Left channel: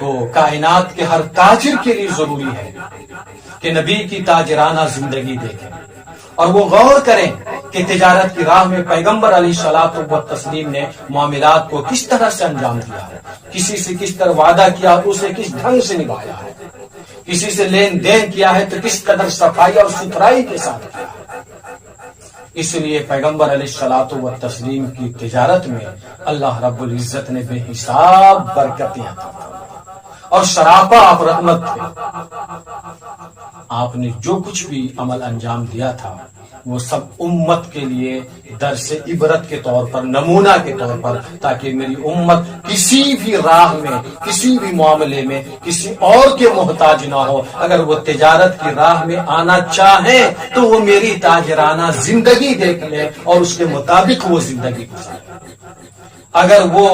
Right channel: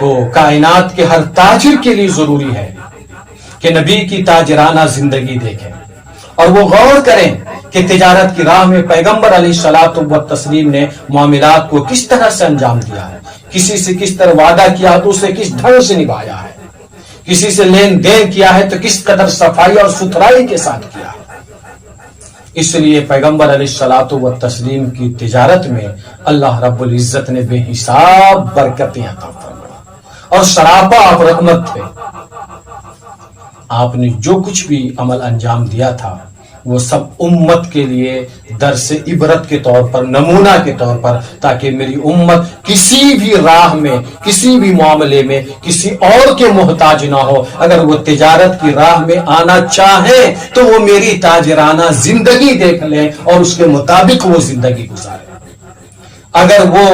تو کائنات کے ہر تاجر کے لیے ضروری ہے کہ نبی کی تاجرانہ زندگی دیکھیں اور وہ غور کریں کہ تجارت کی راہ میں پیغمبر علیہ الصلوۃ والتسلیم نے معاملات کو کس طرح سے انجام دیا ہے، کسی سے کس طرح وعدہ کیا تو اسے کس ڈھنگ سے نبھایا ہے، کسی سے لین دین کیا ہے تو کس قدر صفائی اور ستھرائی کے ساتھ کیا ہے۔ اس لیے پیغمبر علیہ الصلوۃ والتسلیم کی تجارت میں اللہ رب العزت نے بے حساب برکتیں عطا فرمائیں اور سراپا آپ رحمت تھے۔ آپ نے جو کچھ بھی عمل انجام دیا تھا وہ سب امت کے لیے درس عبرت کے طور پر، نمونہ کے طور پر، تاکہ میری امت کسی بھی راہ میں، کسی بھی معاملے میں کسی اور کے محتاج نہ ہو۔ اگر وہ تجارت کی راہ میں آنا چاہے تو وہ میری تاجرانہ زندگی دیکھ لیں اور اس کے مطابق وہ زندگی گزارے۔ اگر وہ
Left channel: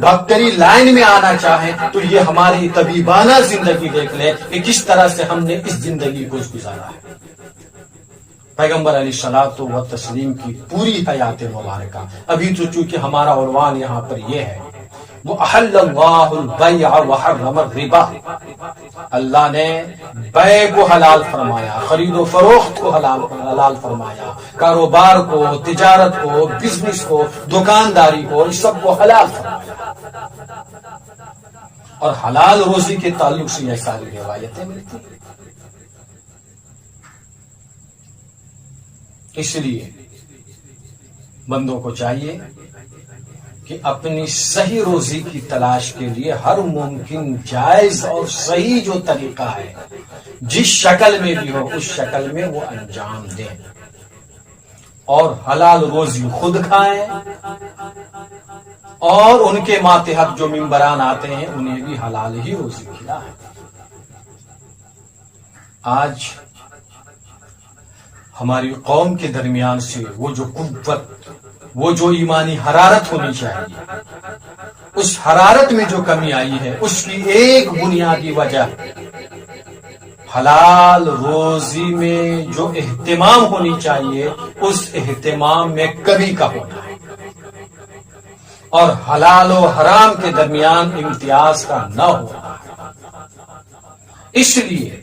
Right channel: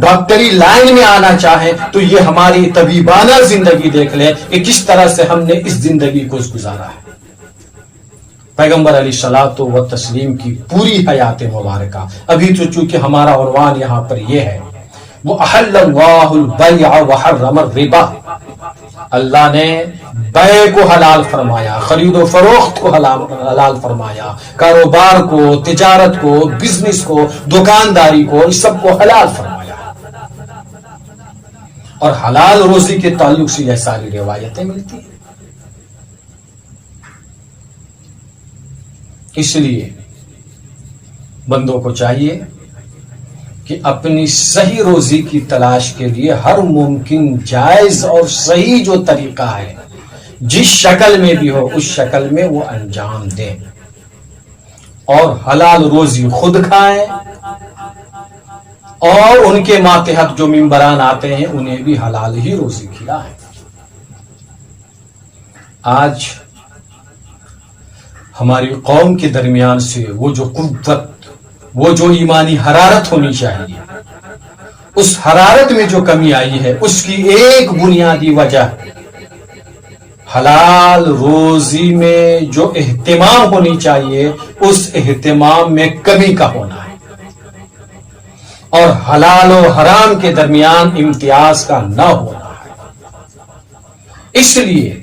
ڈاکٹری لائن میں آنا چاہے تو یہ ہماری طبیبانہ زندگی دیکھ لے کہ کس طرح سے ہم نے اس زندگی کو گزارا ہے۔ پیغمبر علیہ الصلوۃ والتسلیم کی پوری حیات مبارکہ، ابھی تو چونکہ ہمارا عنوان یہاں پر یہ ہے، وہ احل اللہ البیع وحرم الربا، اللہ نے بیع کو حلال فرمایا، خرید و فروخت کو حلال فرمایا، کاروبار کو، تجارت کو، بزنس کو، دکانداری کو، اس سب کو حلال فرمایا۔ اور حلال روزی کے تعلق سے یہ ساری روایتیں ملتی ہیں۔ اس لیے بندوں کو چاہیے کہ اپنی صحیح روزی کی تلاش کے لیے ہر ممکن جائز اور صحیح جو طریقہ ہے، جس شکل میں بھی ہو اس شکل میں وہ انجام دیں اور حلال روزی خود کھائیں، اور ان کے ماتحت جو ممبران آتے ہیں انہیں بھی حلال ہی روزی کھلائیں۔ آج ہماری قوم کے درمیان سے وہ جو قوت، وہ جو ایمانی حرارت ہونی چاہیے، اس حرارت میں جو کمی آئی ہے، اس کی ایک بنیادی وجہ حلال روزی میں جو اہتمام ہونی چاہیے اس اہتمام میں کمی کا ہونا ہے، اور حلال و حرام کے درمیان امتیاز کا نہ ہونا ہے۔ اس لیے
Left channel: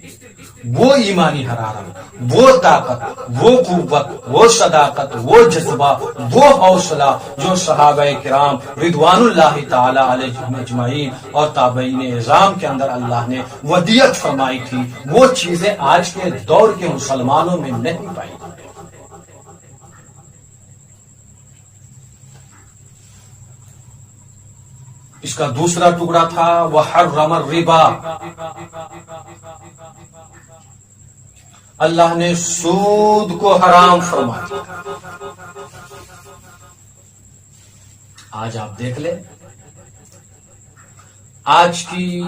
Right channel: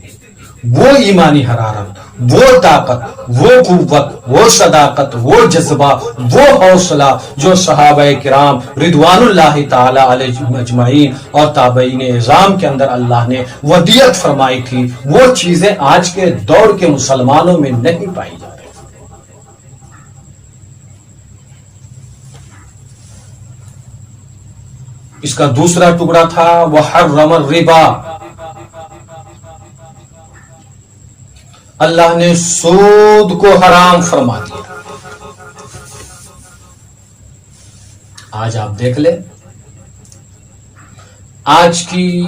وہ ایمانی حرارت، وہ طاقت، وہ قوت، وہ صداقت، وہ جذبہ، وہ حوصلہ جو صحابہ کرام رضوان اللہ تعالی علیہم اجمعین اور تابعین اعظام کے اندر اللہ نے ودیت فرمائی تھی، وہ چیزیں آج کے دور کے مسلمانوں میں نہیں پائی جاتی۔ اس کا دوسرا ٹکڑا تھا وحرم الربا، اللہ نے سود کو حرام فرما دیا۔ آج آپ دیکھ لیں، آج کی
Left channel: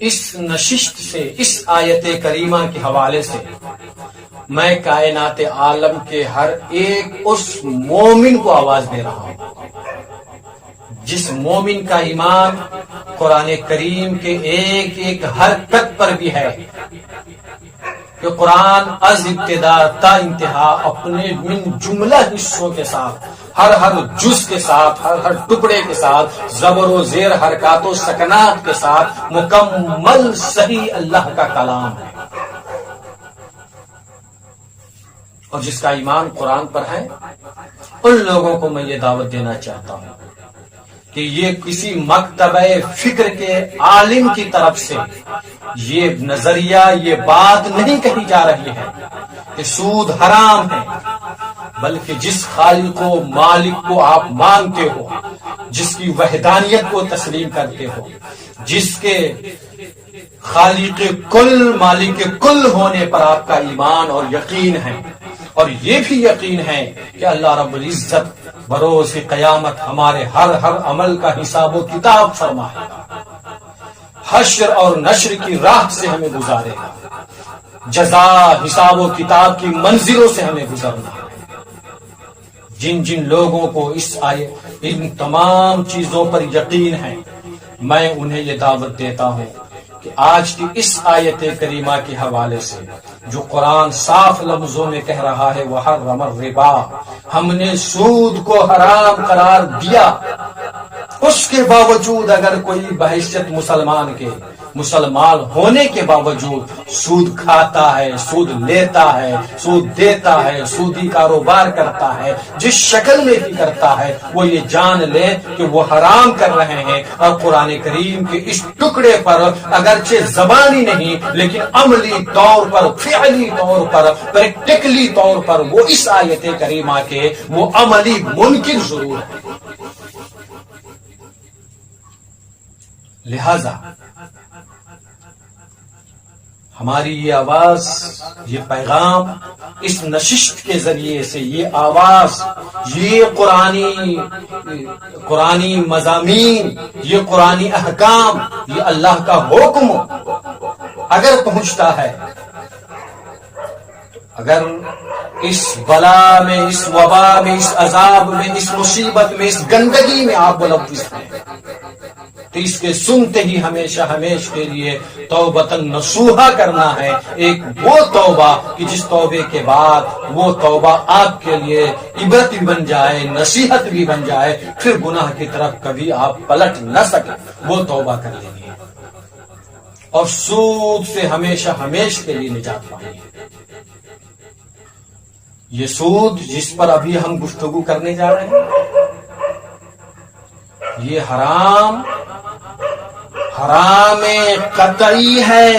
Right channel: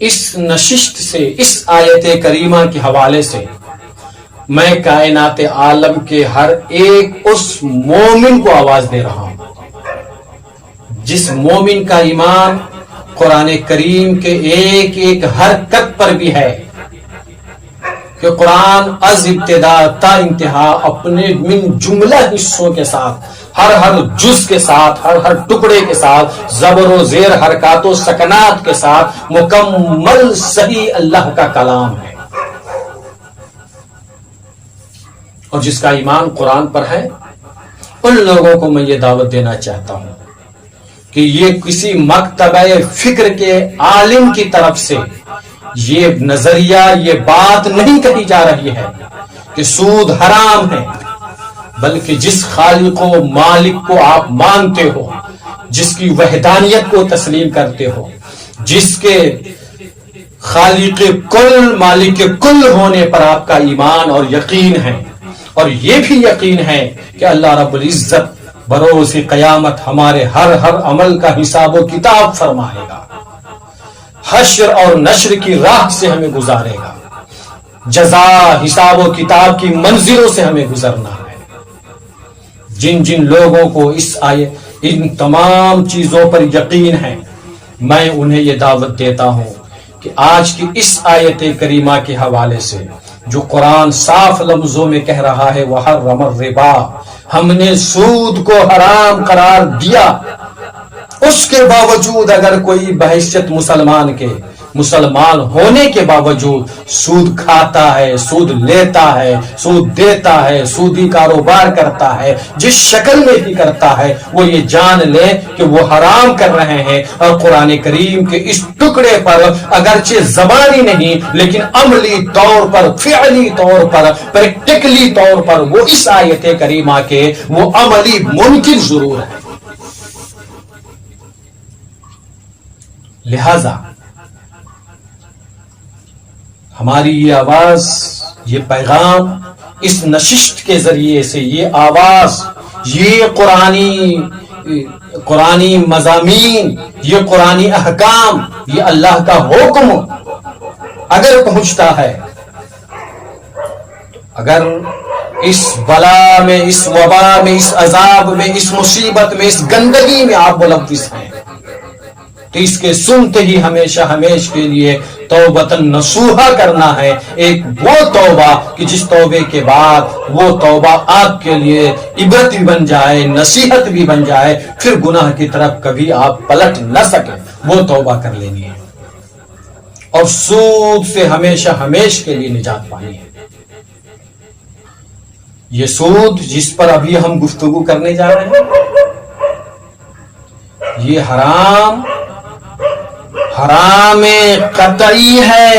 اس نشست سے، اس آیت کریمہ کے حوالے سے میں کائنات عالم کے ہر ایک اس مومن کو آواز دے رہا ہوں جس مومن کا ایمان قرآن کریم کے ایک ایک حرکت پر بھی ہے کہ قرآن از ابتدا تا انتہا اپنے من جملہ حصوں کے ساتھ، ہر جز کے ساتھ، ہر ٹکڑے کے ساتھ، زبر و زیر، حرکات و سکنات کے ساتھ مکمل صحیح اللہ کا کلام ہے۔ اور جس کا ایمان قرآن پر ہے ان لوگوں کو میں یہ دعوت دینا چاہتا ہوں کہ یہ کسی مکتبہ فکر کے عالم کی طرف سے یہ نظریہ، یہ بات نہیں کہی جا رہی ہے کہ سود حرام ہے، بلکہ جس خالق و مالک کو آپ مانتے ہو، جس کی وحدانیت کو تسلیم کرتے ہو، جس کے خالق کل، مالک کل ہونے پر آپ کا ایمان اور یقین ہے، اور یہ بھی یقین ہے کہ اللہ رب العزت بروز قیامت ہمارے ہر عمل کا حساب و کتاب فرمائے گا، حشر اور نشر کی راہ سے ہمیں گزارے گا، جزا، حساب و کتاب کی منزلوں سے ہمیں گزرنا ہے۔ جن جن لوگوں کو ان تمام چیزوں پر یقین ہے، میں انہیں یہ دعوت دیتا ہوں کہ آج کی اس آیت کریمہ کے حوالے سے جو قرآن صاف لفظوں میں کہہ رہا ہے وحرم الربا، ہم نے سود کو حرام قرار دیا، اس کے باوجود اگر کوئی بحیثیت مسلمان ہونے کے باوجود سود کھاتا ہے، سود لیتا ہے، سود دیتا ہے، سودی کاروبار کرتا ہے، جس شکل میں بھی کرتا ہے، وہ یہ جان لے کہ وہ حرام کر رہے ہیں۔ اور قرآن کریم کے اس ٹکڑے پر اگرچہ زبانی نہیں لیکن عملی طور پر، فعلی طور پر، پریکٹیکلی طور پر وہ اس آیت کریمہ کے وہ عملی منکر ضرور ہے۔ لہذا ہماری یہ آواز، یہ پیغام اس نشست کے ذریعے سے، یہ آواز، یہ قرآنی مضامین، یہ قرآنی احکام، یہ اللہ کا حکم اگر پہنچتا ہے، اگر اس بلا میں، اس وبا میں، اس عذاب میں، اس مصیبت میں، اس گندگی میں آپ ملوث ہیں، تو اس کے سنتے ہی ہمیشہ کے لیے توبتاً نصوحا کرنا ہے، ایک وہ توبہ کہ جس توبے کے بعد وہ توبہ آپ کے لیے عبرت بھی بن جائے، نصیحت بھی بن جائے، پھر گناہ کی طرف کبھی آپ پلٹ نہ سکیں، وہ توبہ کر لینی ہے اور سود سے ہمیشہ کے لیے نجات پانی ہے۔ یہ سود جس پر ابھی ہم گفتگو کرنے جا رہے ہیں، یہ حرام قطعی ہے،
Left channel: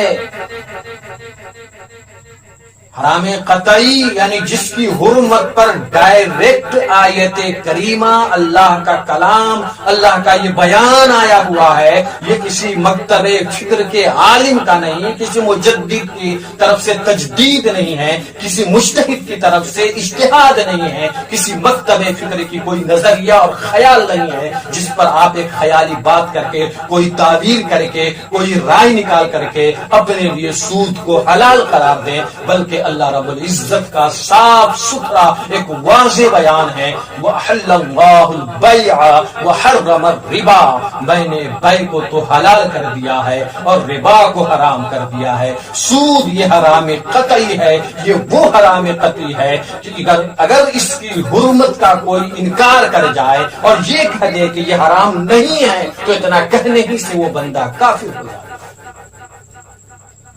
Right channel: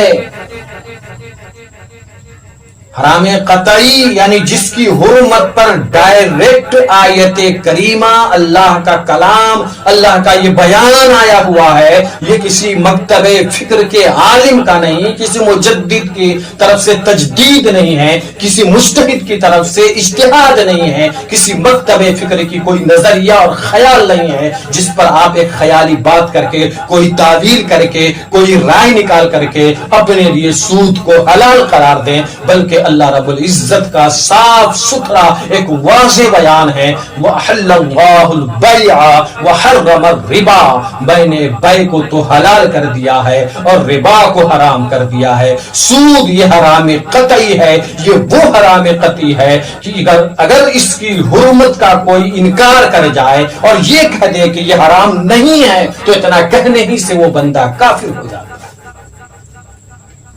حرام قطعی یعنی جس کی حرمت پر ڈائریکٹ آیت کریمہ، اللہ کا کلام، اللہ کا یہ بیان آیا ہوا ہے۔ یہ کسی مکتب فکر کے عالم کا نہیں، کسی مجدد کی طرف سے تجدید نہیں ہے، کسی مجتہد کی طرف سے اجتہاد نہیں ہے، کسی مکتب فکر کی کوئی نظریہ اور خیال نہیں ہے جس پر آپ ایک خیالی بات کر کے، کوئی تعویل کر کے، کوئی رائے نکال کر کے اپنے لیے سود کو حلال قرار دیں، بلکہ اللہ رب العزت کا صاف ستھرا ایک واضح بیان ہے، وَأَحَلَّ اللَّهُ الْبَيْعَ وَحَرَّمَ الرِّبَا، میں نے بیع کو تو حلال کر دیا ہے اور ربا کو حرام کر دیا ہے۔ سود یہ حرام قطعی ہے، یہ وہ حرام قطعی ہے کہ اگر اس کی حرمت کا کوئی انکار کر جائے اور یہ کہہ دے کہ یہ حرام نہیں ہے تو اتنا کہنے ہی سے وہ بندہ کافر ہو جائے،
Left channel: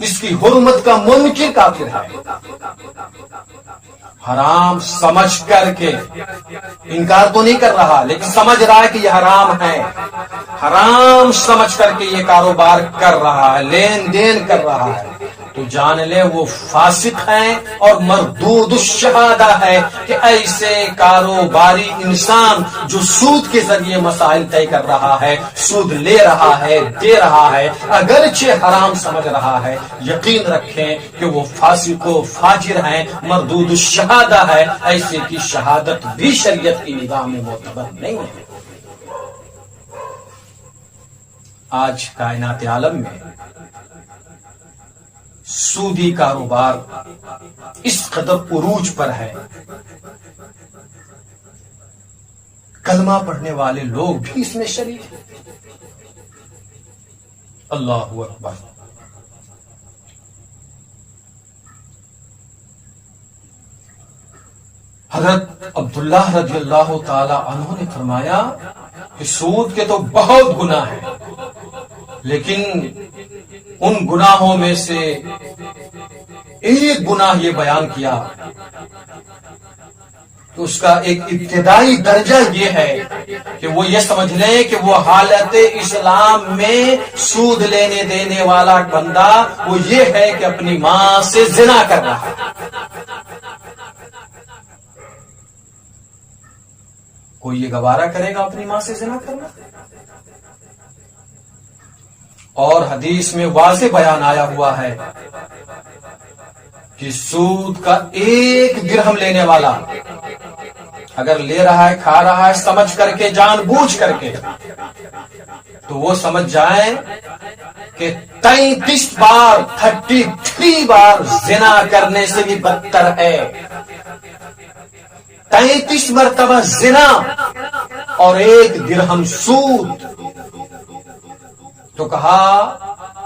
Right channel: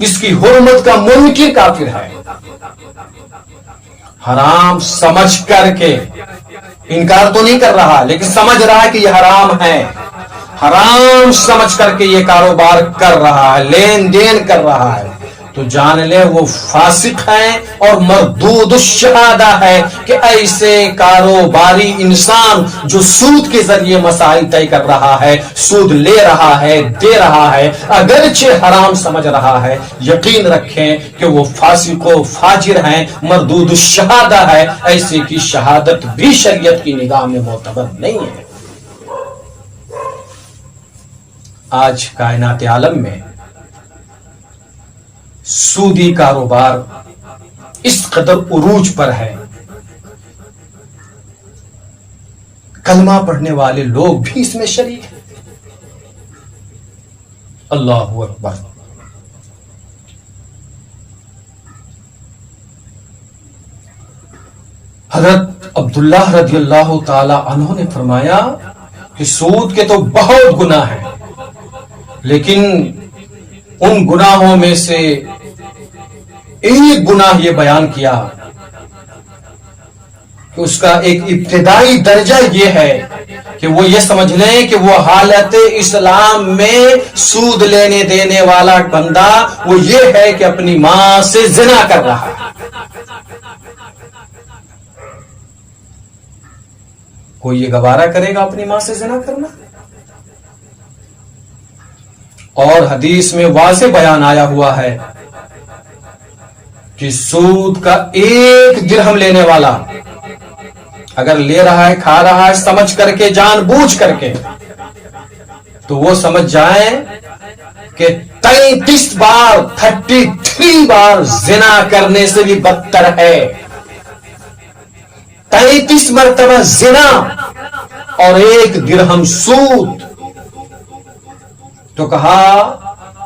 اس کی حرمت کا منکر کافر ہے۔ حرام سمجھ کر کے انکار تو نہیں کر رہا لیکن سمجھ رہا ہے کہ یہ حرام ہے، حرام سمجھ کر کے یہ کاروبار کر رہا ہے، لین دین کر رہا ہے، تو جان لے وہ فاسق ہیں اور مردود الشہادہ ہے کہ ایسے کاروباری انسان جو سود کے ذریعے مسائل طے کر رہا ہے، سود لے رہا ہے، دے رہا ہے، اگرچہ حرام سمجھ رہا ہے، یقین رکھیں کہ وہ فاسق و فاجر ہیں، مردود الشہادہ ہے، ایسے کی شہادت بھی شریعت کی نگاہ میں معتبر نہیں ہے۔ آج کائنات عالم میں سودی کاروبار اس قدر عروج پر ہے، کلمہ پڑھنے والے لوگ بھی اس میں شریک ہیں۔ اللہ اکبر۔ حضرت عبداللہ رضی اللہ تعالی عنہ نے فرمایا کہ سود کے تو بہت گناہ ہیں، لیکن ان گناہوں میں سے ایک گناہ یہ بیان کیا کہ اس کا ایک ابتدائی درجہ یہ ہے کہ وہ یہ سمجھ لیں کہ وہ حالت اسلام میں سود لینے دینے والا بندہ وہ یہ ہے کہ اپنی ماں سے زنا کر رہا ہے۔ کوئی یہ گوارا کرے گا اپنی ماں سے زنا کرنا؟ اور حدیث میں واضح بیان آیا ہوا ہے کہ سود کا ایک درہم لینے والا اگر لے رہا ہے، کھا رہا ہے سمجھ کر کے، جان بوجھ کر کے، تو وہ سمجھ جائیں کہ 33 بار زنا کرنے سے بھی بدتر ہے۔ 33 مرتبہ زنا اور ایک درہم سود، تو کہا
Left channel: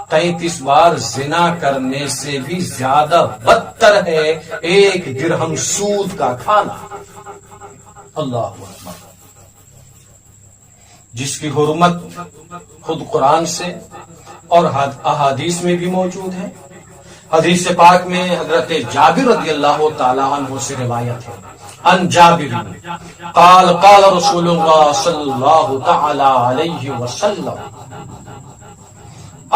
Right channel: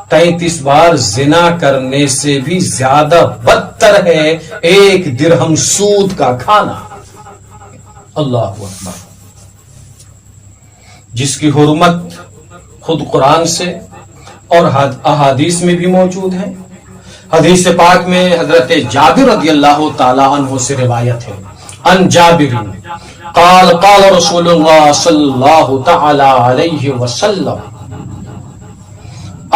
33 بار زنا کرنے سے بھی زیادہ بدتر ہے ایک درہم سود کا کھانا۔ اللہ اکبر۔ جس کی حرمت خود قرآن سے اور احادیث میں بھی موجود ہے. حدیث پاک میں حضرت جابر رضی اللہ تعالی عنہ سے روایت ہے، ان جابر قال قال رسول اللہ صلی اللہ تعالی علیہ وسلم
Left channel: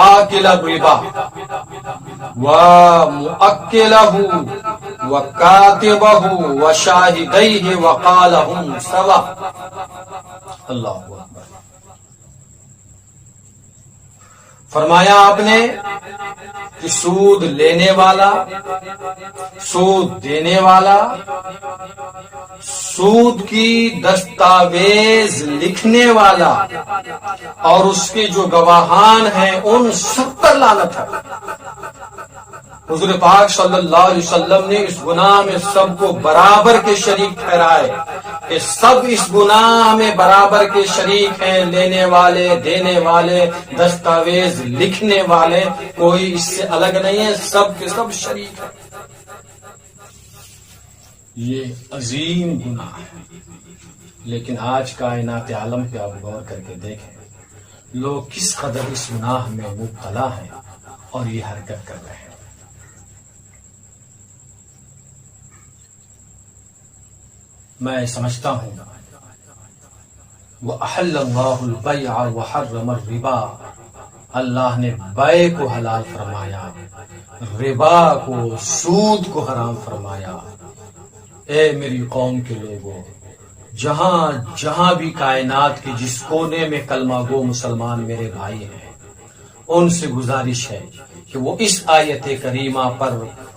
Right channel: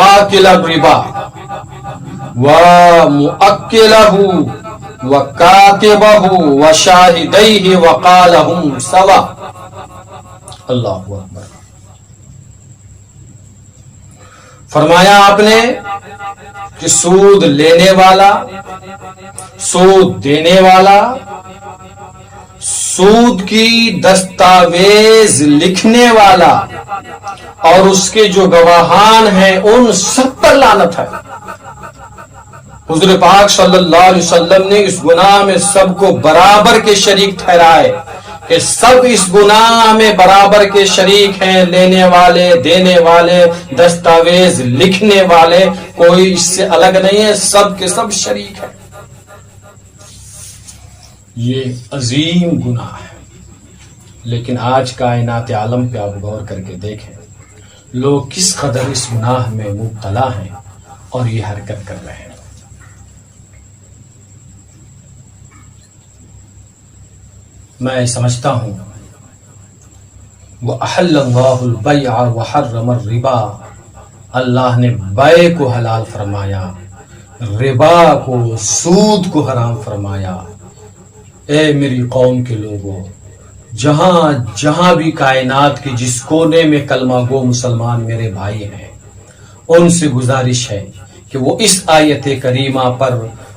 آکل الربا ومؤکلہ وکاتبہ وشاہدیہ وقال ہم سوا. اللہ اکبر. فرمایا آپ نے کہ سود لینے والا، سود دینے والا، سود کی دستاویز لکھنے والا اور اس کے جو گواہان ہیں ان سب پر لعنت ہے. حضور پاک صلی اللہ علیہ وسلم نے اس گناہ میں سب کو برابر کے شریک ٹھہرائے کہ سب اس گناہ میں برابر کے شریک ہیں، لینے والے، دینے والے، دستاویز لکھنے والے، کوئی اس سے الگ نہیں ہے، سب کے سب شریک ہیں. یہ عظیم گناہ ہے. لیکن آج کائنات عالم پہ آپ غور کر کے دیکھیں، لوگ کس قدر اس گناہ میں مبتلا ہیں اور یہ حرکت کر رہے ہیں. میں سمجھتا ہوں وَأَحَلَّ اللَّهُ الْبَيْعَ وَحَرَّمَ الرِّبَا، اللہ نے بیع کو حلال فرمایا، ربا کو، سود کو حرام فرمایا. اے میری قوم کے لوگوں، جہاں جہاں بھی کائنات کے جس کونے میں کلمہ گو مسلمان میرے بھائی ہیں، ان سے گزارش ہے کہ وہ اس آیت کریمہ پر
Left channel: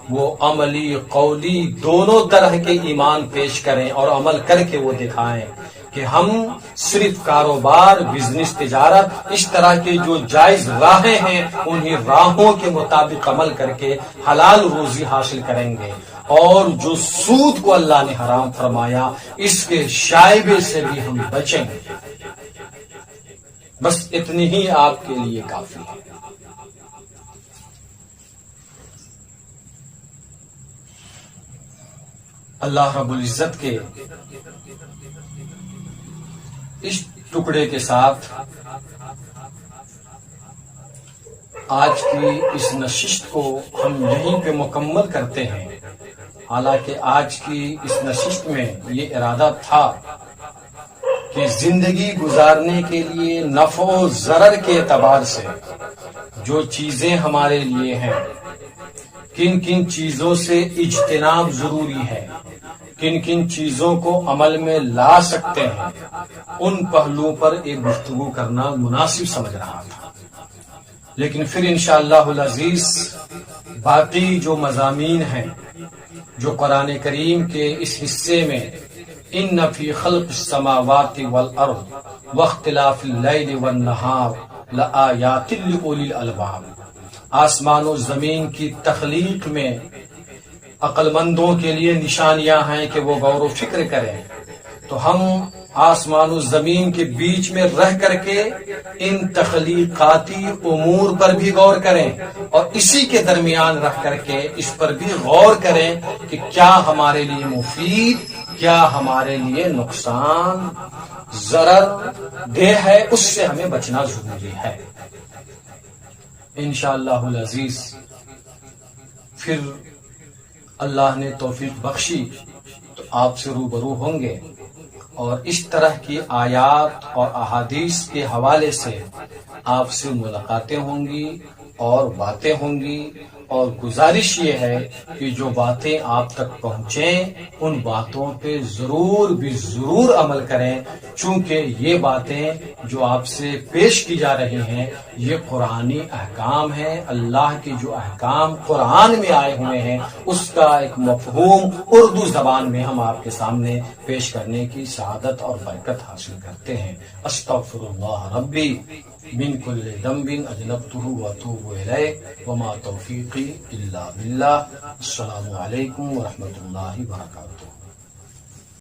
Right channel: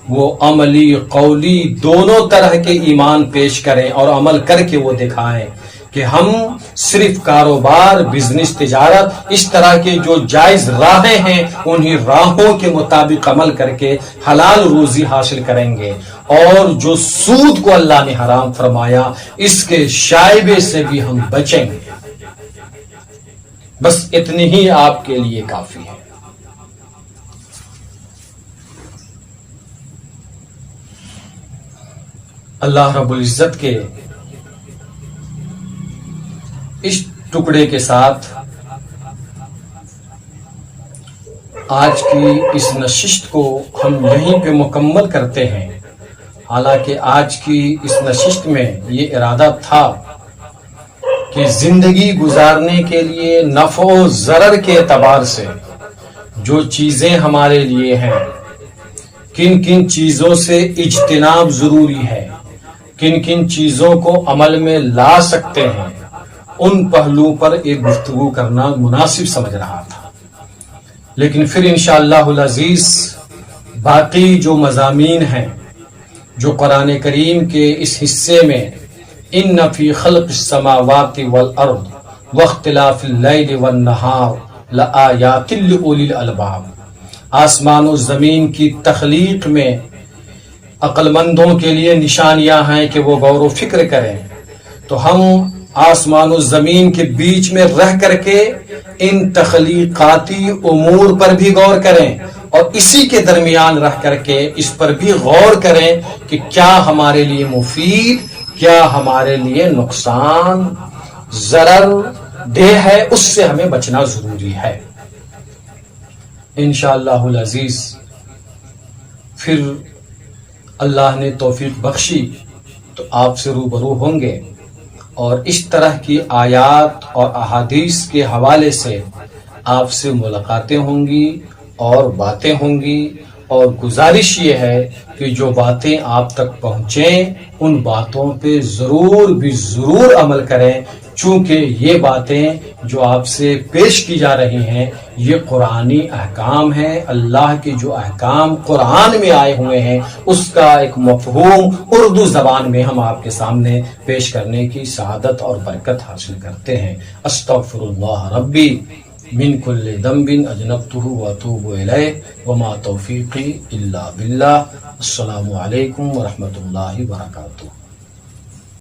وہ عملی قولی دونوں طرح کے ایمان پیش کریں اور عمل کر کے وہ دکھائیں کہ ہم صرف کاروبار، بزنس، تجارت، اس طرح کے جو جائز راہیں ہیں انہی راہوں کے مطابق عمل کر کے حلال روزی حاصل کریں گے، اور جو سود کو اللہ نے حرام فرمایا اس کے شائبے سے بھی ہم بچیں گے. بس اتنی ہی آپ کے لیے کافی ہے. اللہ رب العزت کے اس ٹکڑے کے ساتھ آج کی اس نشست کو ہم یہیں پہ مکمل کرتے ہیں. حالانکہ آج کی اس نشست میں یہ ارادہ تھا کہ زندگی گزارنے کے لیے نفع و ضرر کے اعتبار سے جو چیزیں ہمارے لیے ہیں، کن کن چیزوں سے اجتناب ضروری ہے، کن کن چیزوں کو عمل میں لا سکتے ہیں، ان پہلوؤں پر ایک گفتگو کرنا مناسب سمجھ رہا تھا. لیکن پھر انشاءاللہ العزیز باقی جو مضامین ہیں جو قرآن کریم کے اس حصے میں ان فی خلق السماوات والارض واختلاف اللیل والنہار لآیات لأولی الالباب، آسمان و زمین کی تخلیق میں عقل مندوں کے لیے نشانیاں ہیں کہ وہ غور و فکر کریں. تو ہم آسمان و زمین کے بیچ میں رہ کر کے ان تخلیقاتی امور پر بھی غور کریں اور اسی کے درمیان رہ کر کے اس پر بھی غور کریں کہ کیا ہمارے لیے مفید، کیا ہمارے لیے نقصان ضرر دہ ہے، اس سے ہمیں بچنا ضروری ہے. انشاءاللہ العزیز پھر اللہ نے توفیق بخشی تو آپ سے روبرو ہوں گے اور اس طرح کی آیات اور احادیث کے حوالے سے آپ سے ملاقاتیں ہوں گی اور باتیں ہوں گی. اور گزارش یہ ہے کہ جو باتیں آپ تک پہنچیں ان باتوں پہ ضرور بھی ضرور عمل کریں، چونکہ یہ باتیں جو آپ سے پیش کی جا رہی ہیں یہ قرآنی احکام ہیں. اللہ کے جو احکام قرآن میں آئے ہوئے ہیں اس کا ایک مفہوم اردو زبان میں ہم آپ کے سامنے پیش کرنے کی سعادت اور برکت حاصل کرتے ہیں. استغفر اللہ ربی من کل ذنب اذنبته واتوب الیہ وما توفیقی الا باللہ. السلام علیکم ورحمۃ اللہ وبرکاتہ.